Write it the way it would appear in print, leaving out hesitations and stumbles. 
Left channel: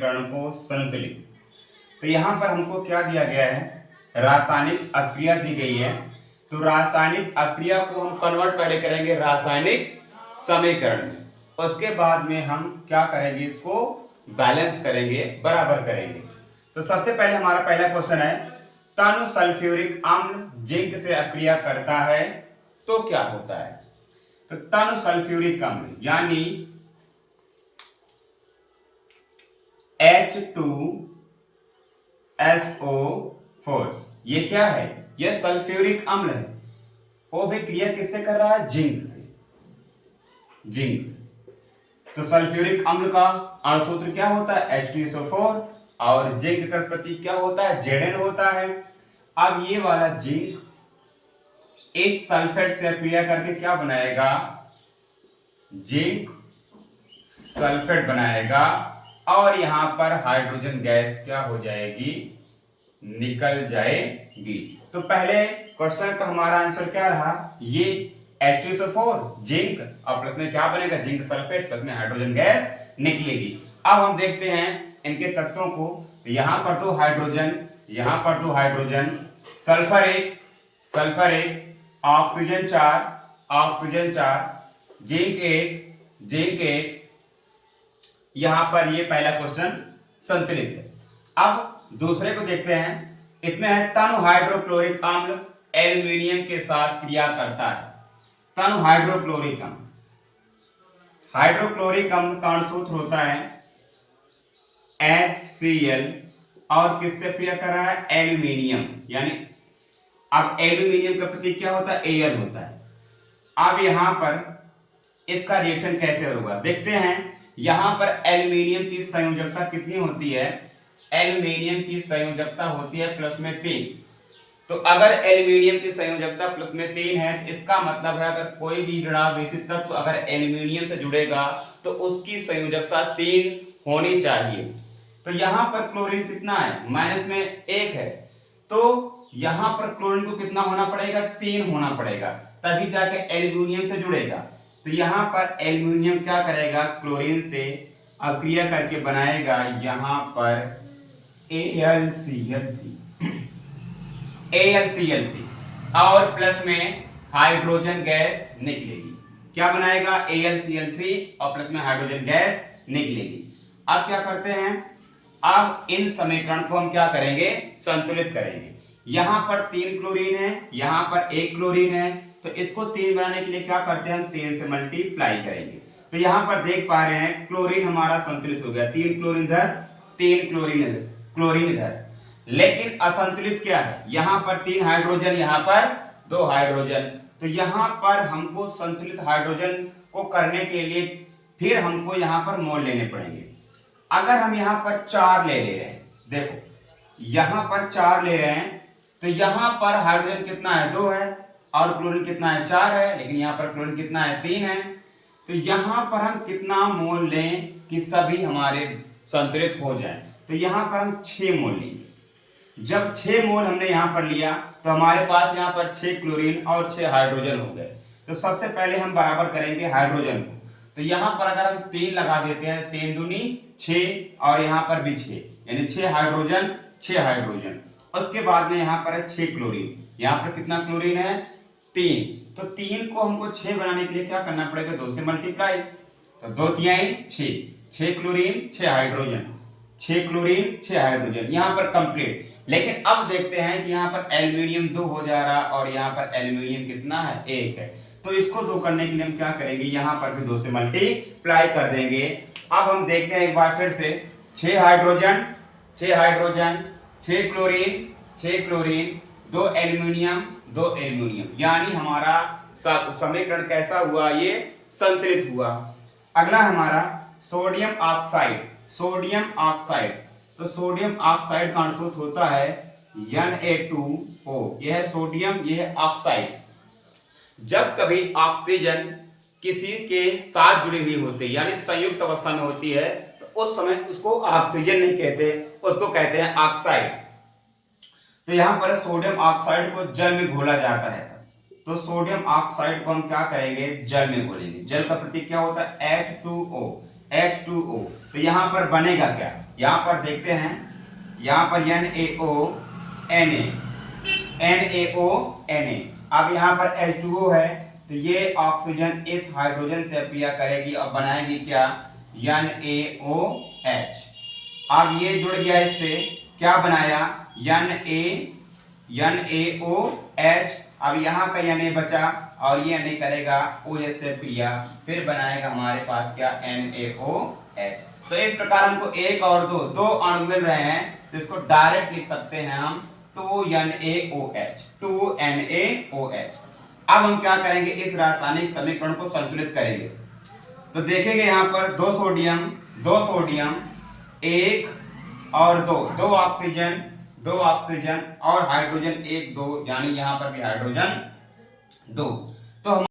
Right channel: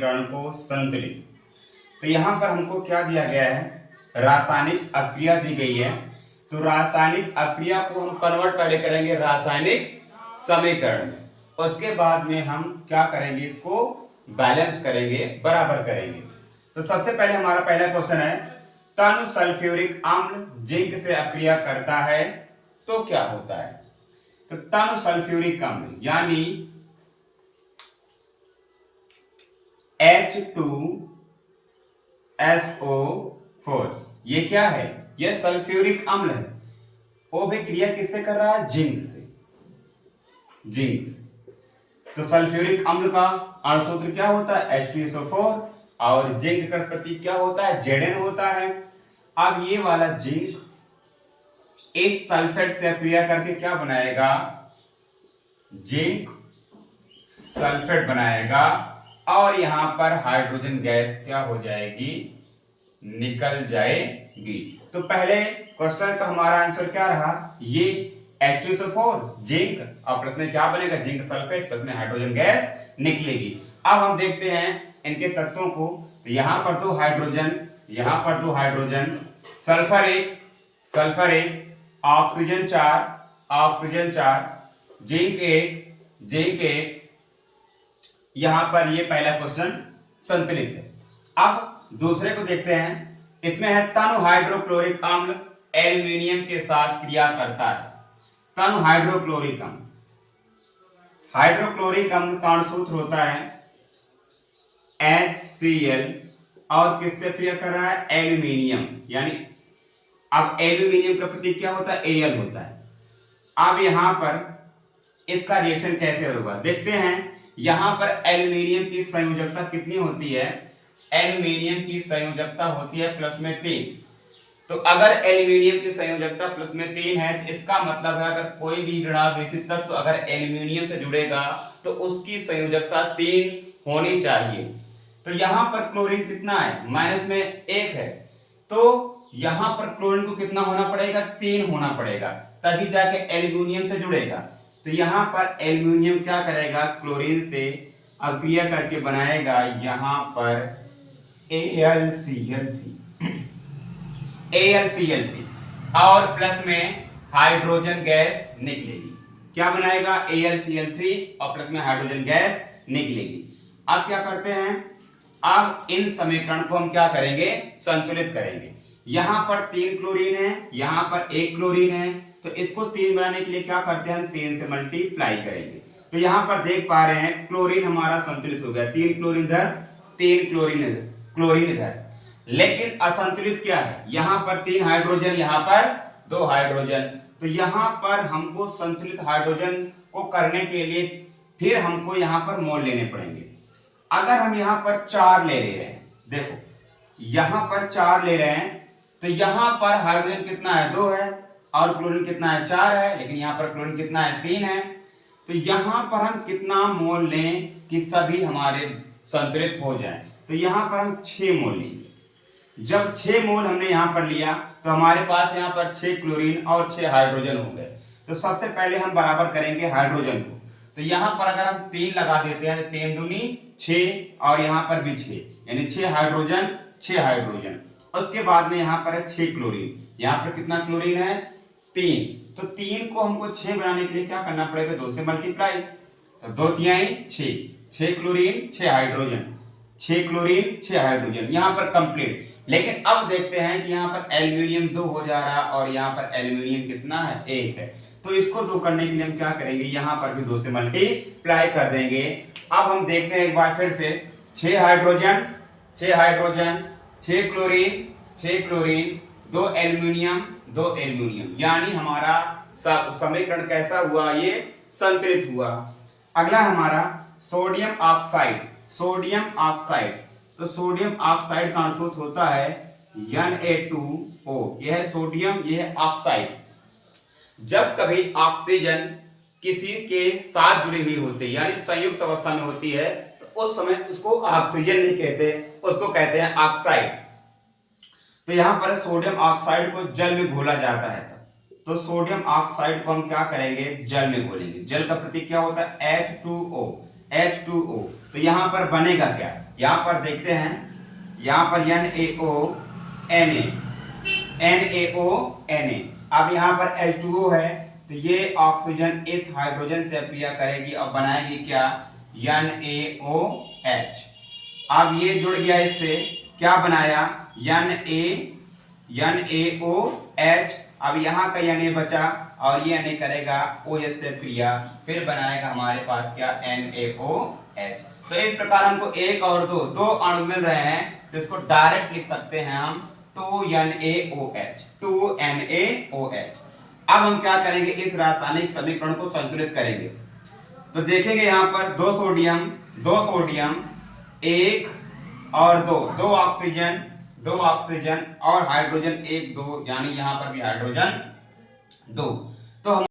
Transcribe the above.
समीकरण को संतुलित। तो यहाँ पर हमको क्या दिया गया है, रासायनिक अक्रिया दी गई है। तो रासायनिक अक्रिया को हम कन्वर्ट पहले करेंगे रासायनिक समीकरण में, उसके बाद में हम क्या करेंगे, इसको बैलेंस करेंगे, बराबर करेंगे। तो सबसे पहले हमारा पहला क्वेश्चन है, तनु सल्फ्यूरिक अम्ल जिंक से अक्रिया करता है तो क्या होता है। तो तनु सल्फ्यूरिक अम्ल यानी H2SO4, ये क्या है, ये सल्फ्यूरिक अम्ल है। वो भी क्रिया किससे कर रहा है, जिंक से, जिंक से। तो सल्फ्यूरिक अम्ल का अणुसूत्र क्या होता है, H2SO4, और जिंक का प्रतीक क्या होता है, Zn होता है। अब ये वाला जिंक इस सल्फेट से क्रिया करके क्या बनाएगा, जिंक सल्फेट बनाएगा, और यहां पर हाइड्रोजन गैस क्या हो जाएगी, निकल जाएगी। तो पहले क्वेश्चन का हमारा आंसर क्या रहा, ये H2SO4 जिंक, और प्लस में क्या बनेगा, जिंक सल्फेट, प्लस में हाइड्रोजन गैस निकलेगी। अब हम देखते हैं इनके तत्वों को। तो यहां पर दो हाइड्रोजन, यहां पर दो हाइड्रोजन, सल्फर एक, सल्फर एक, ऑक्सीजन 4, ऑक्सीजन 4, जिंक एक, जिंक एक। यहां पर ये पहला क्वेश्चन संतुलित है। अब दूसरे को देखते हैं, इसमें है तनु हाइड्रोक्लोरिक अम्ल एल्यूमिनियम के साथ क्रिया करता है। तनु हाइड्रोक्लोरिक अम्ल, हाइड्रोक्लोरिक अम्ल का सूत्र होता है HCl, और किससे क्रिया कर रहा है, एल्यूमिनियम, यानी अब एल्यूमिनियम का प्रतीक क्या होता है, Al होता है। अब यहां पर इसका रिएक्शन कैसे होगा देखते हैं। यहां पर एल्यूमिनियम की संयोजकता कितनी होती है, एल्यूमिनियम की संयोजकता होती है +3। तो अगर एल्यूमिनियम की संयोजकता +3 है, तो इसका मतलब है अगर कोई भी ऋणावेशित तत्व अगर एल्यूमिनियम से जुड़ेगा तो उसकी संयोजकता 3 होनी चाहिए। तो यहां पर क्लोरीन कितना है, -1 है, तो यहां पर क्लोरीन को कितना होना पड़ेगा, 3 होना पड़ेगा, तभी जाके एल्यूमिनियम से जुड़ेगा। तो यहां पर एल्यूमिनियम क्या करेगा, क्लोरीन से अक्रिया करके बनाएगा यहां पर AlCl3, और प्लस में हाइड्रोजन गैस निकलेगी। क्या बनाएगा, AlCl3, और प्लस में हाइड्रोजन गैस निकलेगी। अब क्या करते हैं, अब इन समीकरण को हम क्या करेंगे, संतुलित करेंगे। यहां पर 3 क्लोरीन है, यहां पर 1 क्लोरीन है, तो इसको 3 बनाने के लिए क्या करते हैं, हम 3 से मल्टीप्लाई करेंगे। तो यहां पर देख पा रहे हैं क्लोरीन हमारा संतुलित हो गया, 3 क्लोरीन इधर, 3 क्लोरीन इधर। लेकिन असंतुलित क्या है, यहां पर 3 हाइड्रोजन, यहां पर 2 हाइड्रोजन। तो यहां पर हमको संतुलित हाइड्रोजन को करने के लिए फिर हमको यहां पर मोल लेने पड़ेंगे। अगर हम यहां पर 4 ले रहे हैं, देखो यहां पर 4 ले रहे हैं, तो यहां पर हाइड्रोजन कितना है, 2 है, और क्लोरीन कितना है, 4 है, लेकिन यहां पर क्लोरीन कितना है, 3 है। तो यहां पर हम कितना मोल लें कि सभी हमारे संतुलित हो जाएं, तो यहां पर हम 6 मोल लेंगे। जब 6 मोल हमने यहां पर लिया तो हमारे पास यहां पर 6 क्लोरीन और 6 हाइड्रोजन हो गए। तो सबसे पहले हम बराबर करेंगे हाइड्रोजन को। तो यहां पर अगर हम 3 लगा देते हैं, 3 दूनी 6, और यहां पर भी 6, यानी 6 हाइड्रोजन, 6 हाइड्रोजन। उसके बाद में यहां पर है 6 क्लोरीन, यहां पर कितना क्लोरीन है, 3। तो 3 को हमको 6 बनाने के लिए क्या करना पड़ेगा, 2 से मल्टीप्लाई। तो 2 तिहाई 6, 6 क्लोरीन 6 हाइड्रोजन, 6 क्लोरीन 6 हाइड्रोजन, यहां पर कंप्लीट। लेकिन अब देखते हैं कि यहां पर एल्यूमिनियम 2 हो जा रहा, और यहां पर एल्यूमिनियम कितना है, 1 है। तो इसको 2 करने के लिए हम क्या करेंगे, यहां पर भी 2 से मल्टीप्लाई कर देंगे। अब हम देखते हैं एक बार फिर से, 6 hydrogen, 6 hydrogen, 6 chlorine, 6 chlorine, 2 aluminium, 2 aluminium, यानी हमारा समीकरण कैसा हुआ, ये संतुलित हुआ। अगला हमारा सोडियम ऑक्साइड, सोडियम ऑक्साइड। तो सोडियम ऑक्साइड का सूत्र होता है Na2O, यह है सोडियम, यह है ऑक्साइड। जब कभी ऑक्सीजन किसी के साथ जुड़ी हुई होती है, यानी संयुक्त अवस्था में होती है, तो उस समय उसको ऑक्सीजन नहीं कहते, उसको कहते हैं ऑक्साइड। तो यहां पर सोडियम ऑक्साइड को जल में घोला जाता है, तो सोडियम ऑक्साइड को हम क्या करेंगे, जल में घोलेंगे। जल का प्रतीक क्या होता है, H2O, H2O। तो यहां पर बनेगा क्या, यहाँ पर देखते हैं, यहाँ पर NaONA। अब यहाँ पर H2O है, तो ये ऑक्सीजन इस हाइड्रोजन से क्रिया करेगी और बनाएगी क्या, NaOH। अब ये जुड़ गया, इससे क्या बनाया, NaOH। अब यहाँ का Na बचा और ये Na करेगा OH से क्रिया, फिर बनाएगा हमारे पास क्या, NaOH। तो इस प्रकार हमको एक और दो अणु मिल रहे हैं, तो इसको डायरेक्ट लिख सकते हैं हम 2NaOH। अब हम क्या करेंगे, इस रासायनिक समीकरण को संतुलित करेंगे। तो देखेंगे यहाँ पर दो सोडियम एक और दो ऑक्सीजन और हाइड्रोजन 1 2, यानी यहाँ पर भी हाइड्रोजन 2। तो